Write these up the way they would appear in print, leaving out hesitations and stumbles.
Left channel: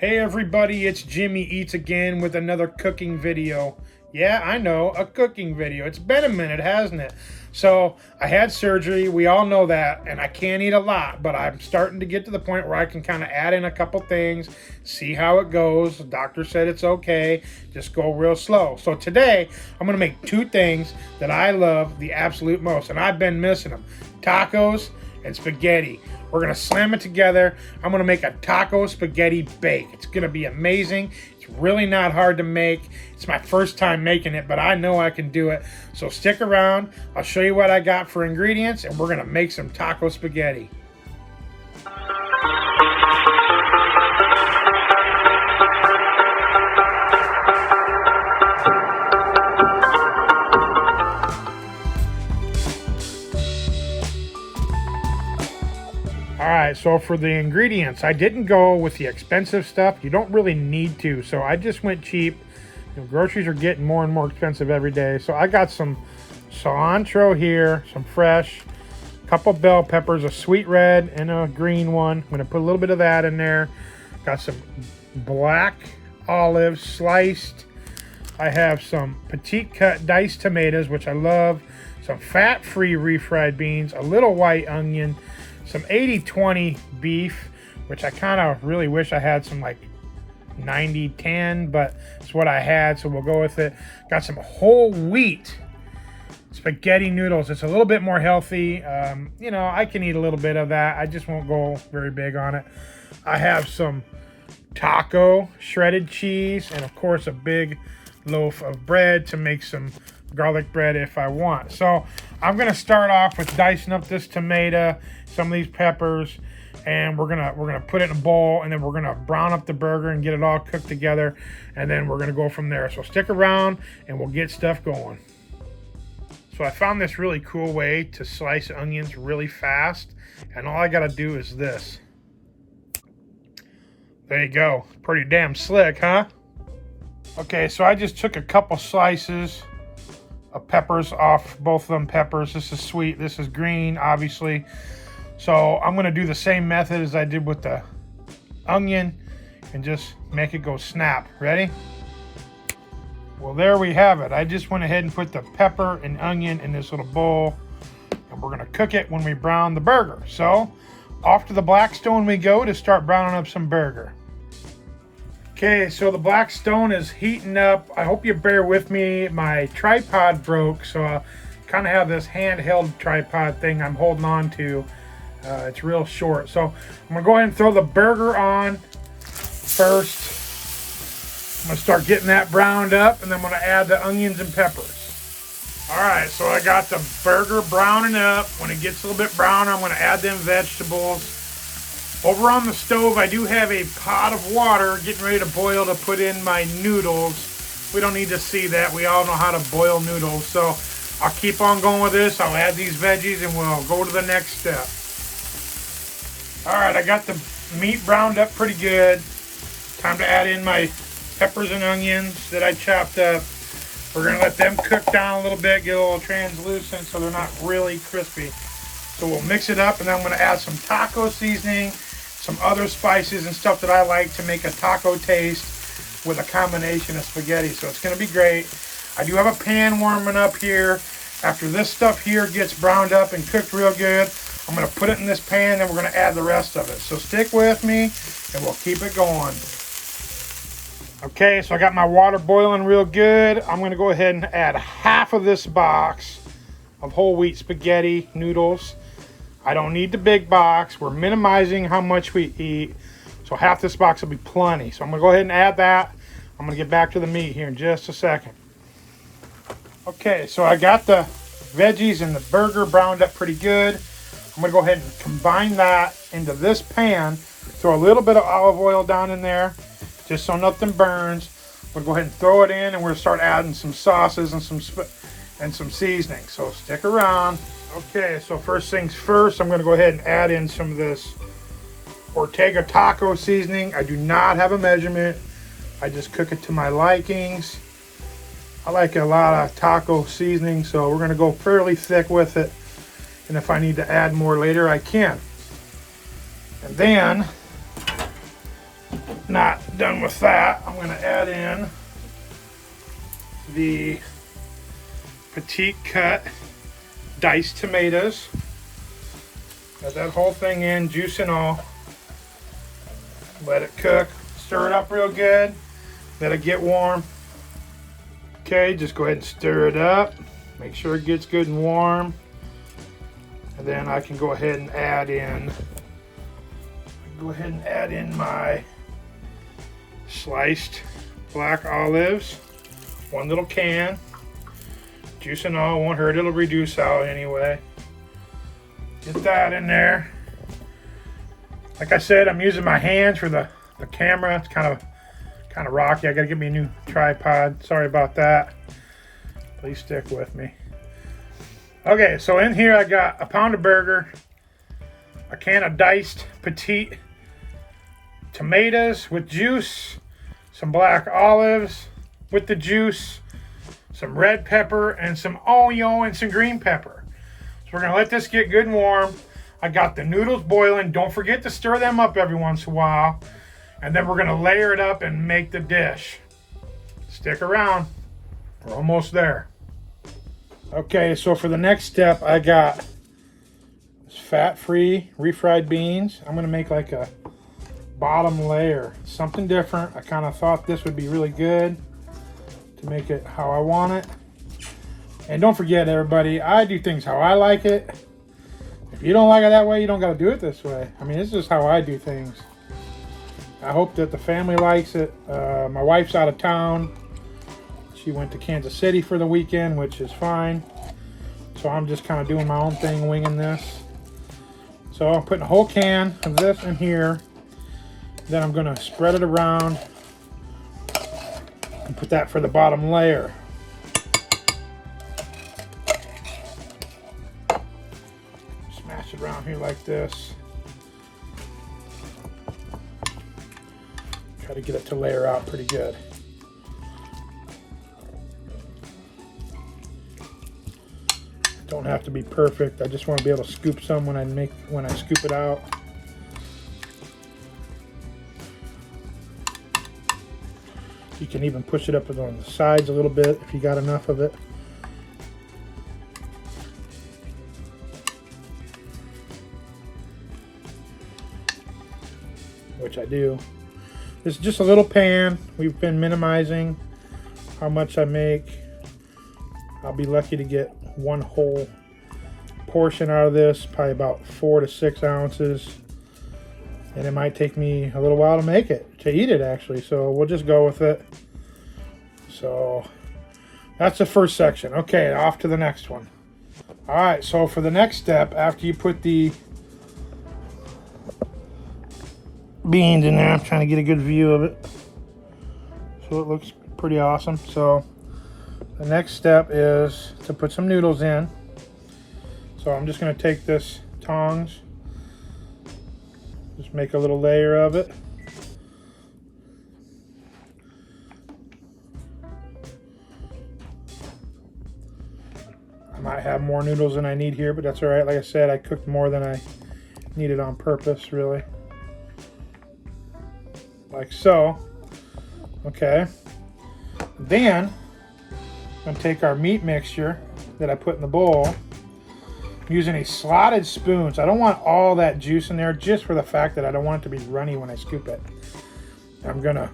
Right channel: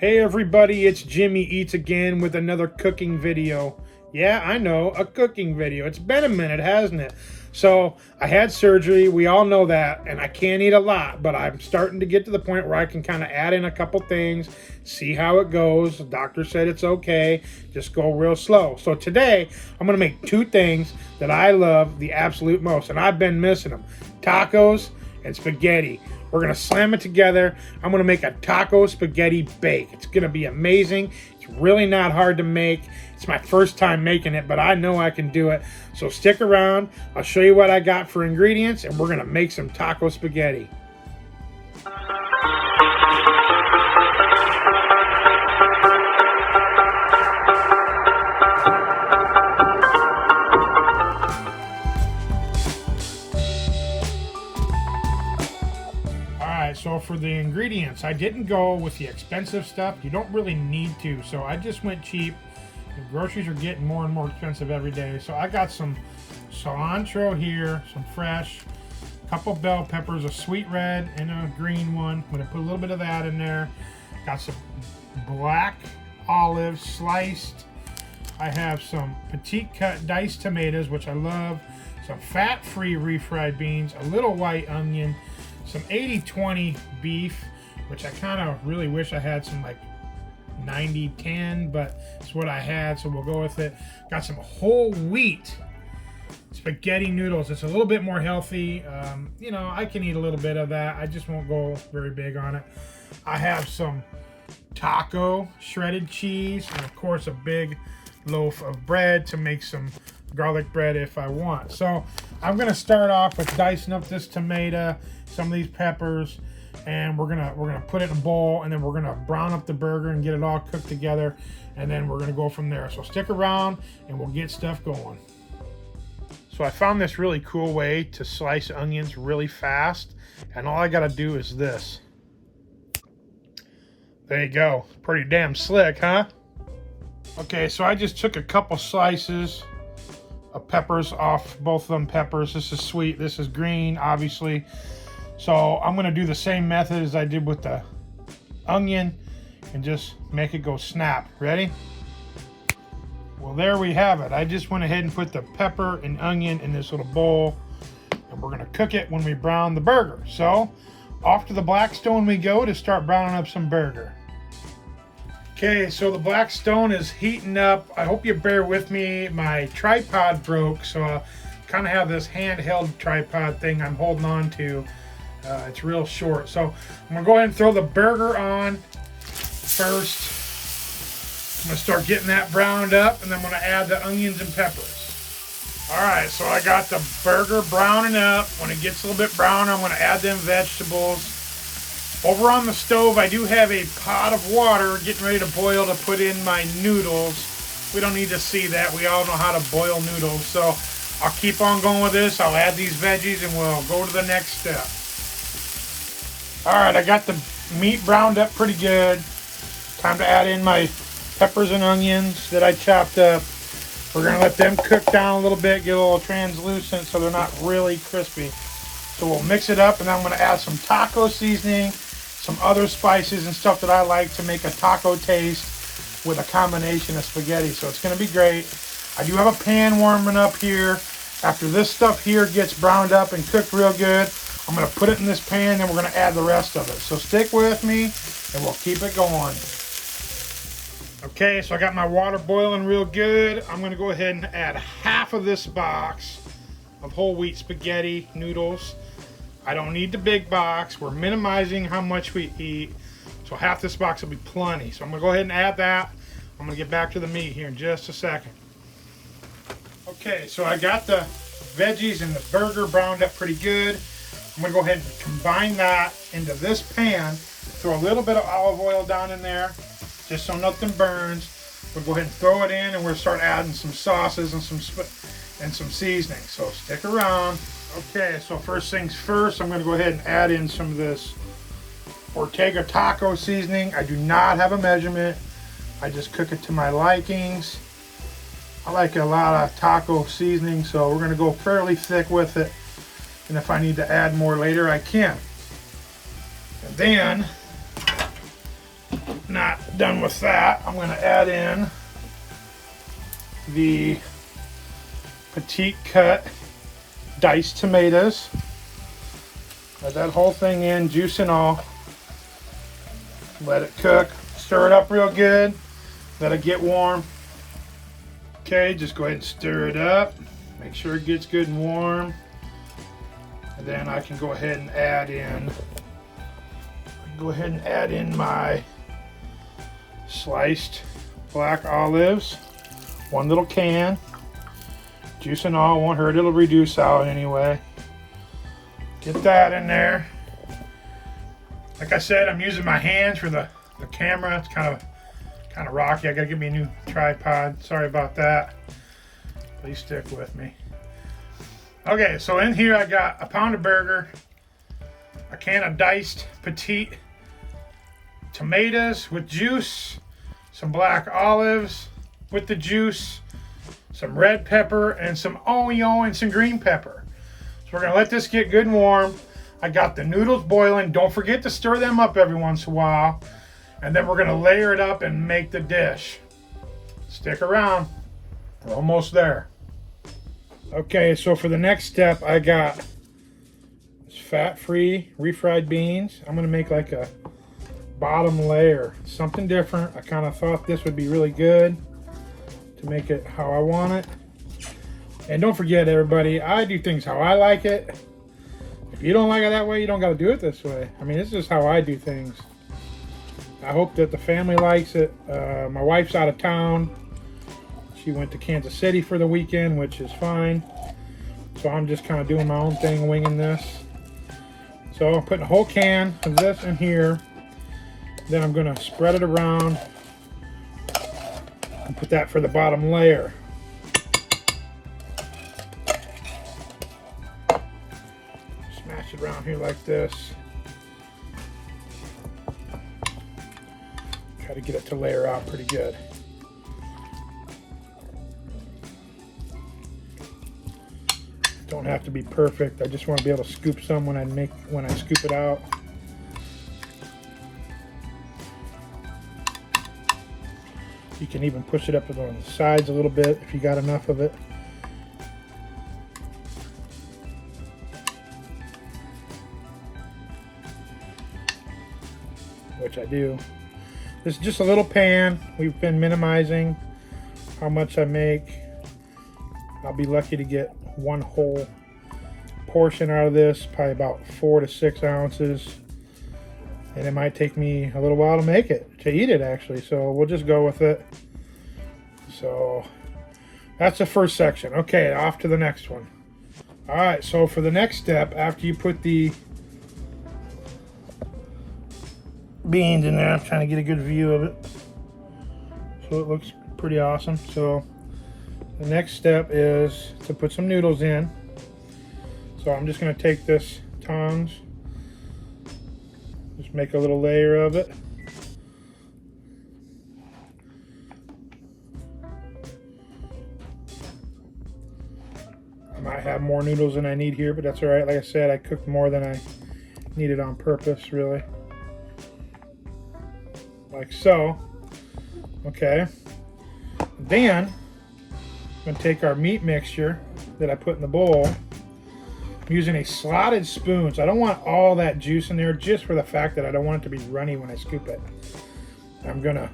Hey everybody, it's Jimmy Eats again with another cooking video. Yeah, I know, a cooking video. It's been a minute, hasn't it? So, I had surgery, we all know that, and I can't eat a lot, but I'm starting to get to the point where I can kind of add in a couple things, see how it goes. The doctor said it's okay, just go real slow. So today, I'm going to make two things that I love the absolute most, and I've been missing them. Tacos and spaghetti. We're going to slam it together. I'm going to make a taco spaghetti bake. It's going to be amazing. It's really not hard to make. It's my first time making it, but I know I can do it. So stick around. I'll show you what I got for ingredients, and we're going to make some taco spaghetti. Alright, so for the ingredients, I didn't go with the expensive stuff. You don't really need to, so I just went cheap. The groceries are getting more and more expensive every day. So I got some cilantro here, some fresh, a couple bell peppers, a sweet red and a green one. I'm going to put a little bit of that in there. Got some black olives sliced. I have some petite cut diced tomatoes, which I love. Some fat-free refried beans, a little white onion, some 80-20 beef, which I kind of really wish I had some like 90-10, but it's what I had, so we'll go with it. Got some whole wheat spaghetti noodles. It's a little bit more healthy. You know, I can eat a little bit of that. I just won't go very big on it. I have some taco shredded cheese, and of course a big loaf of bread to make some garlic bread if I want. So I'm gonna start off with dicing up this tomato, some of these peppers, and we're gonna put it in a bowl, and then we're gonna brown up the burger and get it all cooked together, and then we're gonna go from there. So stick around and we'll get stuff going. So I found this really cool way to slice onions really fast, and all I gotta do is this. There you go. Pretty damn slick, huh? Okay, so I just took a couple slices of peppers off both of them peppers. This is sweet, this is green, obviously. So I'm gonna do the same method as I did with the onion and just make it go snap. Ready? Well, there we have it. I just went ahead and put the pepper and onion in this little bowl, and we're gonna cook it when we brown the burger. So off to the Blackstone we go to start browning up some burger. Okay, so the Blackstone is heating up. I hope you bear with me. My tripod broke, so I kind of have this handheld tripod thing I'm holding on to. It's real short. So I'm gonna go ahead and throw the burger on first. I'm gonna start getting that browned up, and then I'm gonna add the onions and peppers. All right, so I got the burger browning up. When it gets a little bit browner, I'm gonna add them vegetables. Over on the stove, I do have a pot of water getting ready to boil to put in my noodles. We don't need to see that. We all know how to boil noodles. So I'll keep on going with this. I'll add these veggies and we'll go to the next step. All right, I got the meat browned up pretty good. Time to add in my peppers and onions that I chopped up. We're gonna let them cook down a little bit, get a little translucent so they're not really crispy. So we'll mix it up, and then I'm gonna add some taco seasoning, some other spices and stuff that I like to make a taco taste with a combination of spaghetti. So it's gonna be great. I do have a pan warming up here. After this stuff here gets browned up and cooked real good, I'm gonna put it in this pan and we're gonna add the rest of it. So stick with me and we'll keep it going. Okay, so I got my water boiling real good. I'm gonna go ahead and add half of this box of whole wheat spaghetti noodles. I don't need the big box. We're minimizing how much we eat. So half this box will be plenty. So I'm gonna go ahead and add that. I'm gonna get back to the meat here in just a second. Okay, so I got the veggies and the burger browned up pretty good. I'm gonna go ahead and combine that into this pan. Throw a little bit of olive oil down in there, just so nothing burns. We'll go ahead and throw it in, and we'll start adding some sauces and some seasoning. So stick around. Okay, so first things first, I'm gonna go ahead and add in some of this Ortega taco seasoning. I do not have a measurement. I just cook it to my likings. I like a lot of taco seasoning, so we're gonna go fairly thick with it. And if I need to add more later, I can. And then not done with that, I'm going to add in the petite cut diced tomatoes. Add that whole thing in, juice and all. Let it cook. Stir it up real good. Let it get warm. Okay, just go ahead and stir it up. Make sure it gets good and warm. And then I can go ahead and add in my sliced black olives. One little can. Juice and all, won't hurt, it'll reduce out anyway. Get that in there. Like I said, I'm using my hands for the camera. It's kind of rocky. I gotta get me a new tripod. Sorry about that. Please stick with me. Okay, so in here I got a pound of burger, a can of diced petite tomatoes with juice, some black olives with the juice, some red pepper, and some onion and some green pepper. So we're gonna let this get good and warm. I got the noodles boiling. Don't forget to stir them up every once in a while. And then we're gonna layer it up and make the dish. Stick around, we're almost there. Okay, so for the next step, I got fat-free refried beans. I'm gonna make like a bottom layer, something different. I kind of thought this would be really good to make it how I want it. And don't forget, everybody, I do things how I like it. If you don't like it that way, you don't gotta do it this way. I mean, this is how I do things. I hope that the family likes it. My wife's out of town. She went to Kansas City for the weekend, which is fine. So I'm just kind of doing my own thing, winging this. So I'm putting a whole can of this in here. Then I'm gonna spread it around and put that for the bottom layer. Smash it around here like this. Try to get it to layer out pretty good. Don't have to be perfect. I just want to be able to scoop some when I scoop it out. You can even push it up on the sides a little bit if you got enough of it. Which I do. This is just a little pan. We've been minimizing how much I make. I'll be lucky to get one whole portion out of this, probably about 4 to 6 ounces. And it might take me a little while to make it, to eat it actually. So we'll just go with it. So that's the first section. Okay, off to the next one. All right, so for the next step, after you put the beans in there, I'm trying to get a good view of it. So it looks pretty awesome. So the next step is to put some noodles in. So I'm just going to take this tongs, just make a little layer of it. I might have more noodles than I need here, but that's all right. Like I said, I cooked more than I needed on purpose, really. Like so. Okay. Then I'm going to take our meat mixture that I put in the bowl. I'm using a slotted spoon, so I don't want all that juice in there, just for the fact that I don't want it to be runny when I scoop it. I'm going to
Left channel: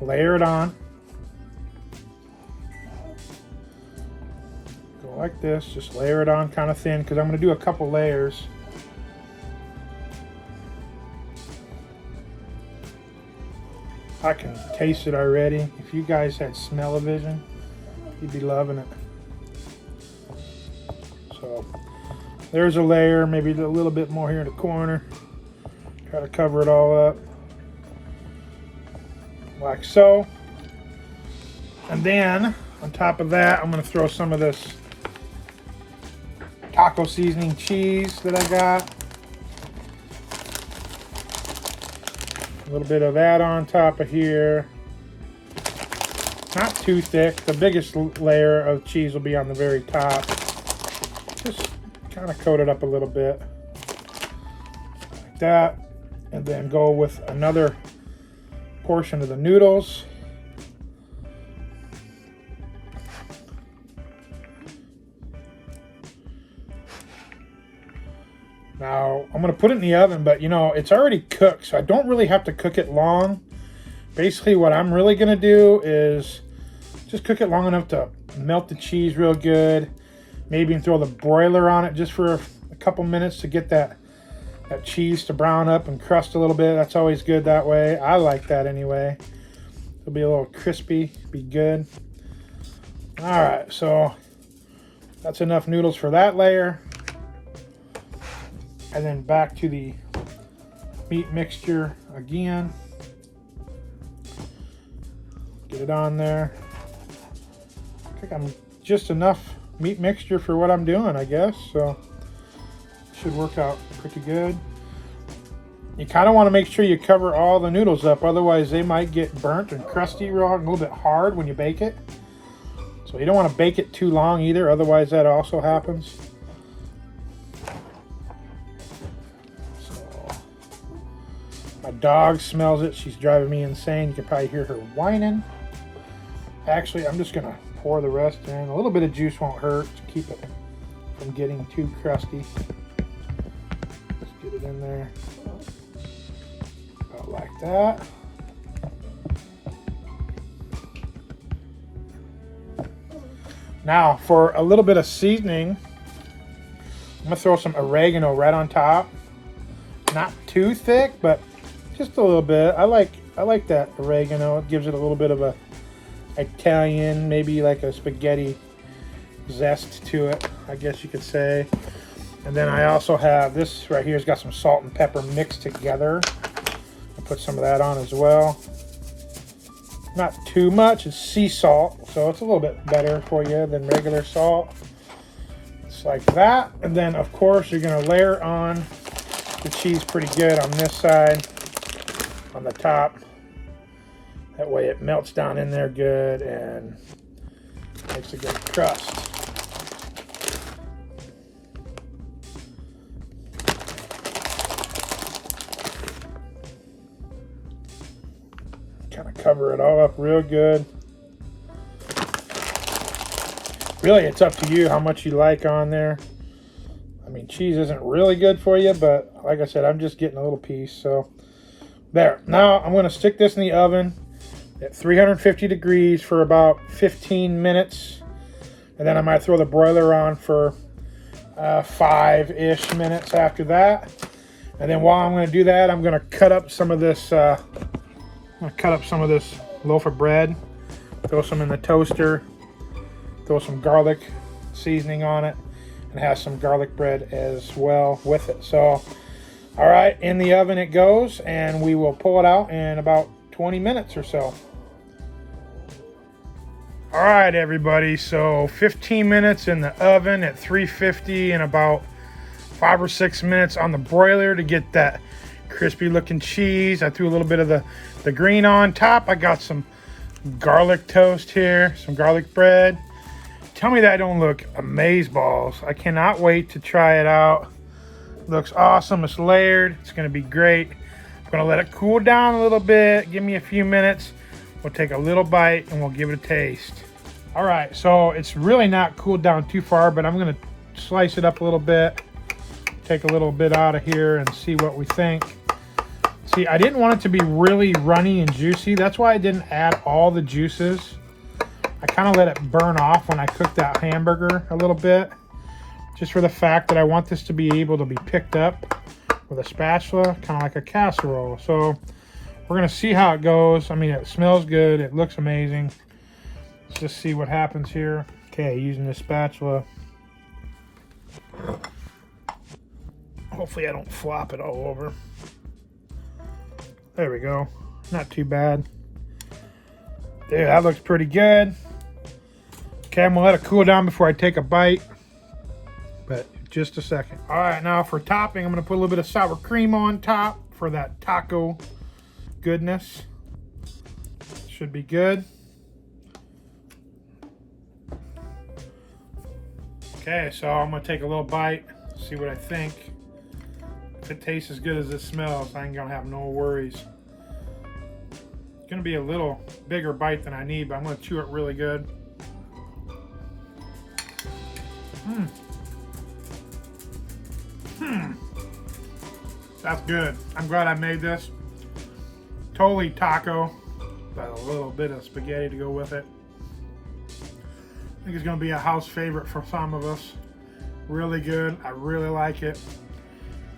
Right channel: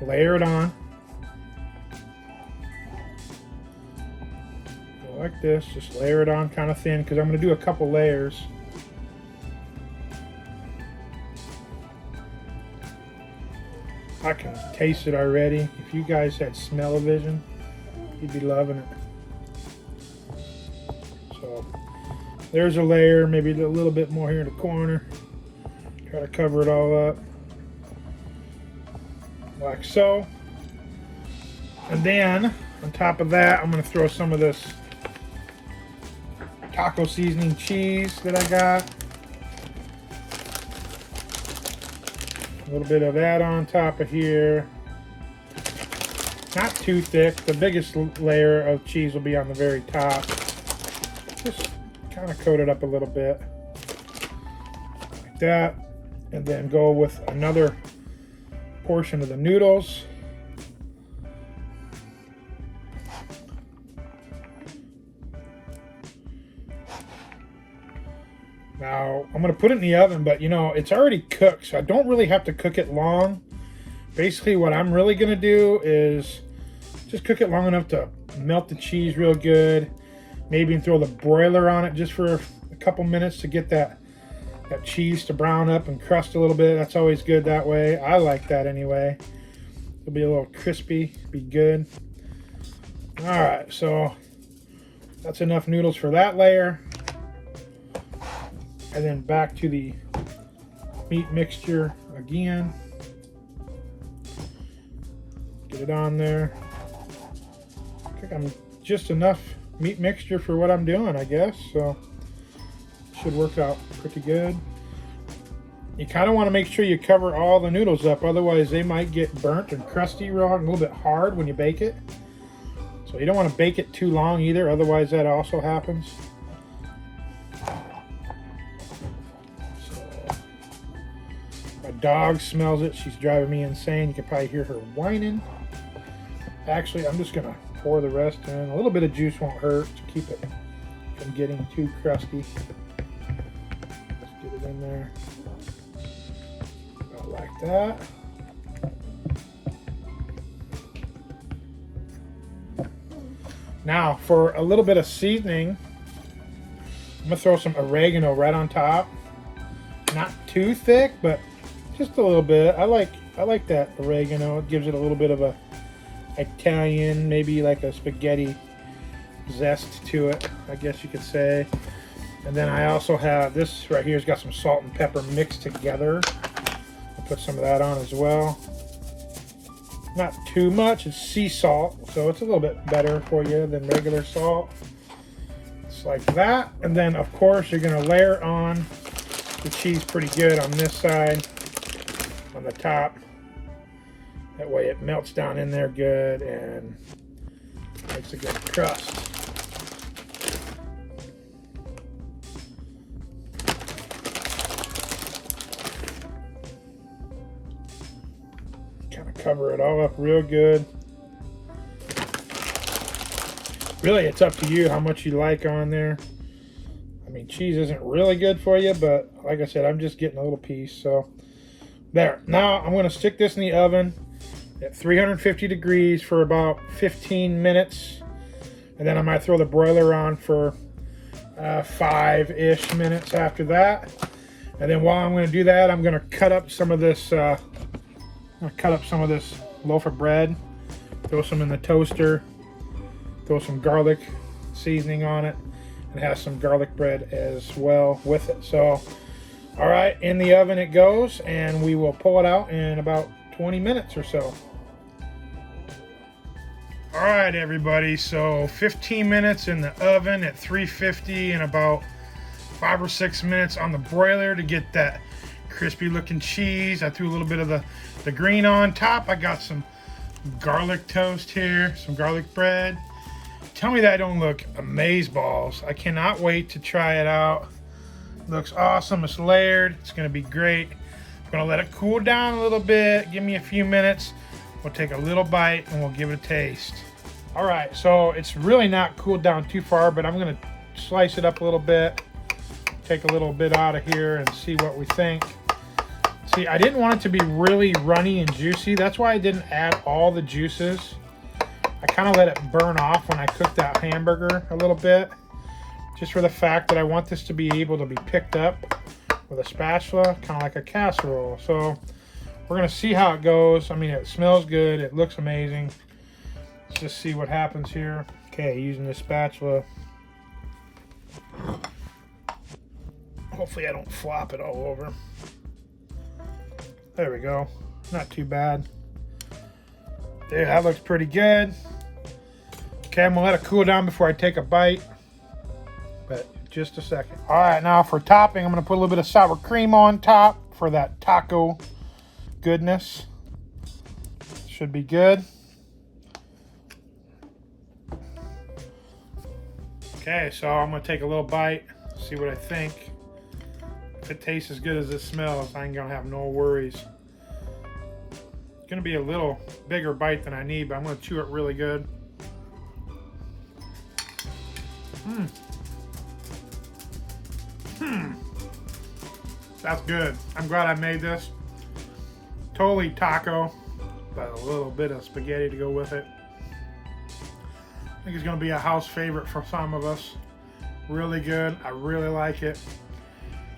layer it on. Go like this, just layer it on kind of thin, because I'm going to do a couple layers. I can taste it already. If you guys had smell-o-vision, you'd be loving it. So there's a layer, maybe a little bit more here in the corner. Try to cover it all up like so. And then on top of that, I'm going to throw some of this taco seasoning cheese that I got. A little bit of that on top of here. Not too thick. The biggest layer of cheese will be on the very top. Just kind of coat it up a little bit. Like that. And then go with another portion of the noodles. Now, I'm going to put it in the oven, but you know, it's already cooked, so I don't really have to cook it long. Basically, what I'm really going to do is just cook it long enough to melt the cheese real good. Maybe throw the broiler on it just for a couple minutes to get that cheese to brown up and crust a little bit. That's always good that way. I like that anyway. It'll be a little crispy, be good. All right, so that's enough noodles for that layer. And then back to the meat mixture again. Get it on there. I think I'm just enough meat mixture for what I'm doing, I guess. So should work out pretty good. You kind of want to make sure you cover all the noodles up, otherwise they might get burnt and crusty real and a little bit hard when you bake it. So you don't want to bake it too long either, otherwise that also happens. My dog smells it. She's driving me insane. You can probably hear her whining. Actually, I'm just gonna pour the rest in. A little bit of juice won't hurt to keep it from getting too crusty. Just get it in there. About like that. Now, for a little bit of seasoning, I'm gonna throw some oregano right on top. Not too thick, but just a little bit. I like that oregano. It gives it a little bit of a Italian, maybe like a spaghetti zest to it, I guess you could say. And then I also have this right here. It's got some salt and pepper mixed together. I'll put some of that on as well. Not too much. It's sea salt, so it's a little bit better for you than regular salt. Just like that. And then, of course, you're going to layer on the cheese pretty good on this side, on the top. That way it melts down in there good and makes a good crust. Kind of cover it all up real good. Really, it's up to you how much you like on there. I mean, cheese isn't really good for you, but like I said, I'm just getting a little piece. So there. Now I'm going to stick this in the oven at 350 degrees for about 15 minutes. And then I might throw the broiler on for 5-ish minutes after that. And then while I'm going to do that, I'm going to cut up some of this loaf of bread, throw some in the toaster, throw some garlic seasoning on it, and have some garlic bread as well with it. So, all right, in the oven it goes, and we will pull it out in about 20 minutes or so. All right, everybody, so 15 minutes in the oven at 350 and about 5 or 6 minutes on the broiler to get that crispy looking cheese. I threw a little bit of the green on top. I got some garlic toast here, some garlic bread. Tell me that don't look amazeballs. I cannot wait to try it out. Looks awesome. It's layered. It's going to be great. I'm going to let it cool down a little bit. Give me a few minutes. We'll take a little bite and we'll give it a taste. All right, so it's really not cooled down too far, but I'm going to slice it up a little bit. Take a little bit out of here and see what we think. See, I didn't want it to be really runny and juicy. That's why I didn't add all the juices. I kind of let it burn off when I cooked that hamburger a little bit, just for the fact that I want this to be able to be picked up with a spatula, kind of like a casserole. So we're going to see how it goes. I mean, it smells good. It looks amazing. Let's just see what happens here. Okay, using the spatula. Hopefully I don't flop it all over. There we go. Not too bad. Yeah, that looks pretty good. Okay, I'm gonna let it cool down before I take a bite. But just a second. All right, now for topping, I'm gonna put a little bit of sour cream on top for that taco goodness. Should be good. Okay, so I'm gonna take a little bite, see what I think. If it tastes as good as it smells, I ain't gonna have no worries. gonna be a little bigger bite than I need, but I'm gonna chew it really good. That's good. I'm glad I made this. Totally taco, but a little bit of spaghetti to go with it. I think it's gonna be a house favorite for some of us. Really good. I really like it.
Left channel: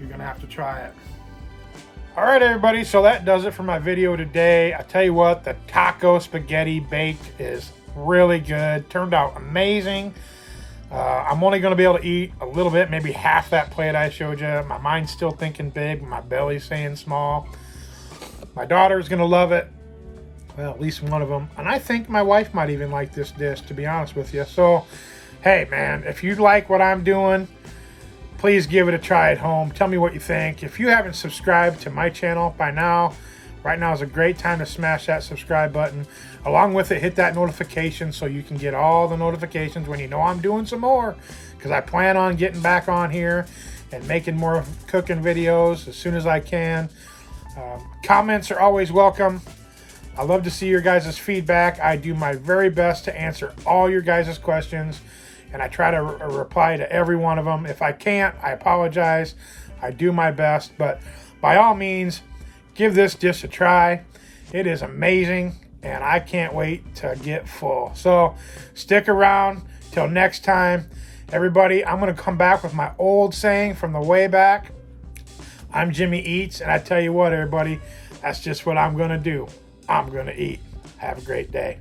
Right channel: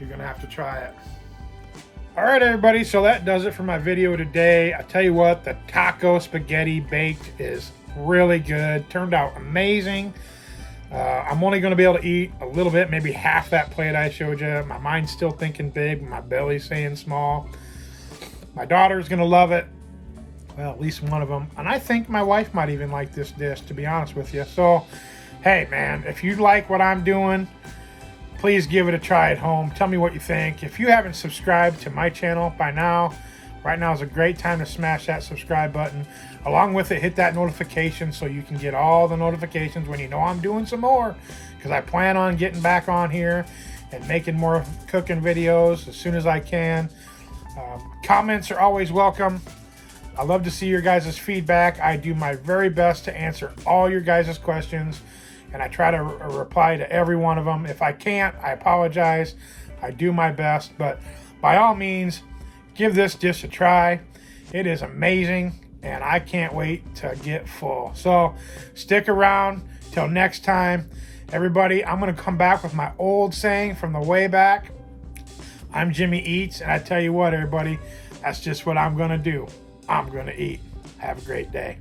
You're gonna have to try it. All right, everybody, so that does it for my video today. I tell you what, the taco spaghetti baked is really good. Turned out amazing. I'm only going to be able to eat a little bit, maybe half that plate I showed you. My mind's still thinking big, my belly's saying small. My daughter's going to love it. Well, at least one of them. And I think my wife might even like this dish, to be honest with you. So, hey, man, if you like what I'm doing, please give it a try at home. Tell me what you think. If you haven't subscribed to my channel by now, right now is a great time to smash that subscribe button. Along with it, hit that notification so you can get all the notifications when you know I'm doing some more. Because I plan on getting back on here and making more cooking videos as soon as I can. Comments are always welcome. I love to see your guys' feedback. I do my very best to answer all your guys' questions. And I try to reply to every one of them. If I can't, I apologize. I do my best. But by all means, give this dish a try. It is amazing, and I can't wait to get full. So stick around till next time. Everybody, I'm going to come back with my old saying from the way back. I'm Jimmy Eats, and I tell you what, everybody, that's just what I'm going to do. I'm going to eat. Have a great day.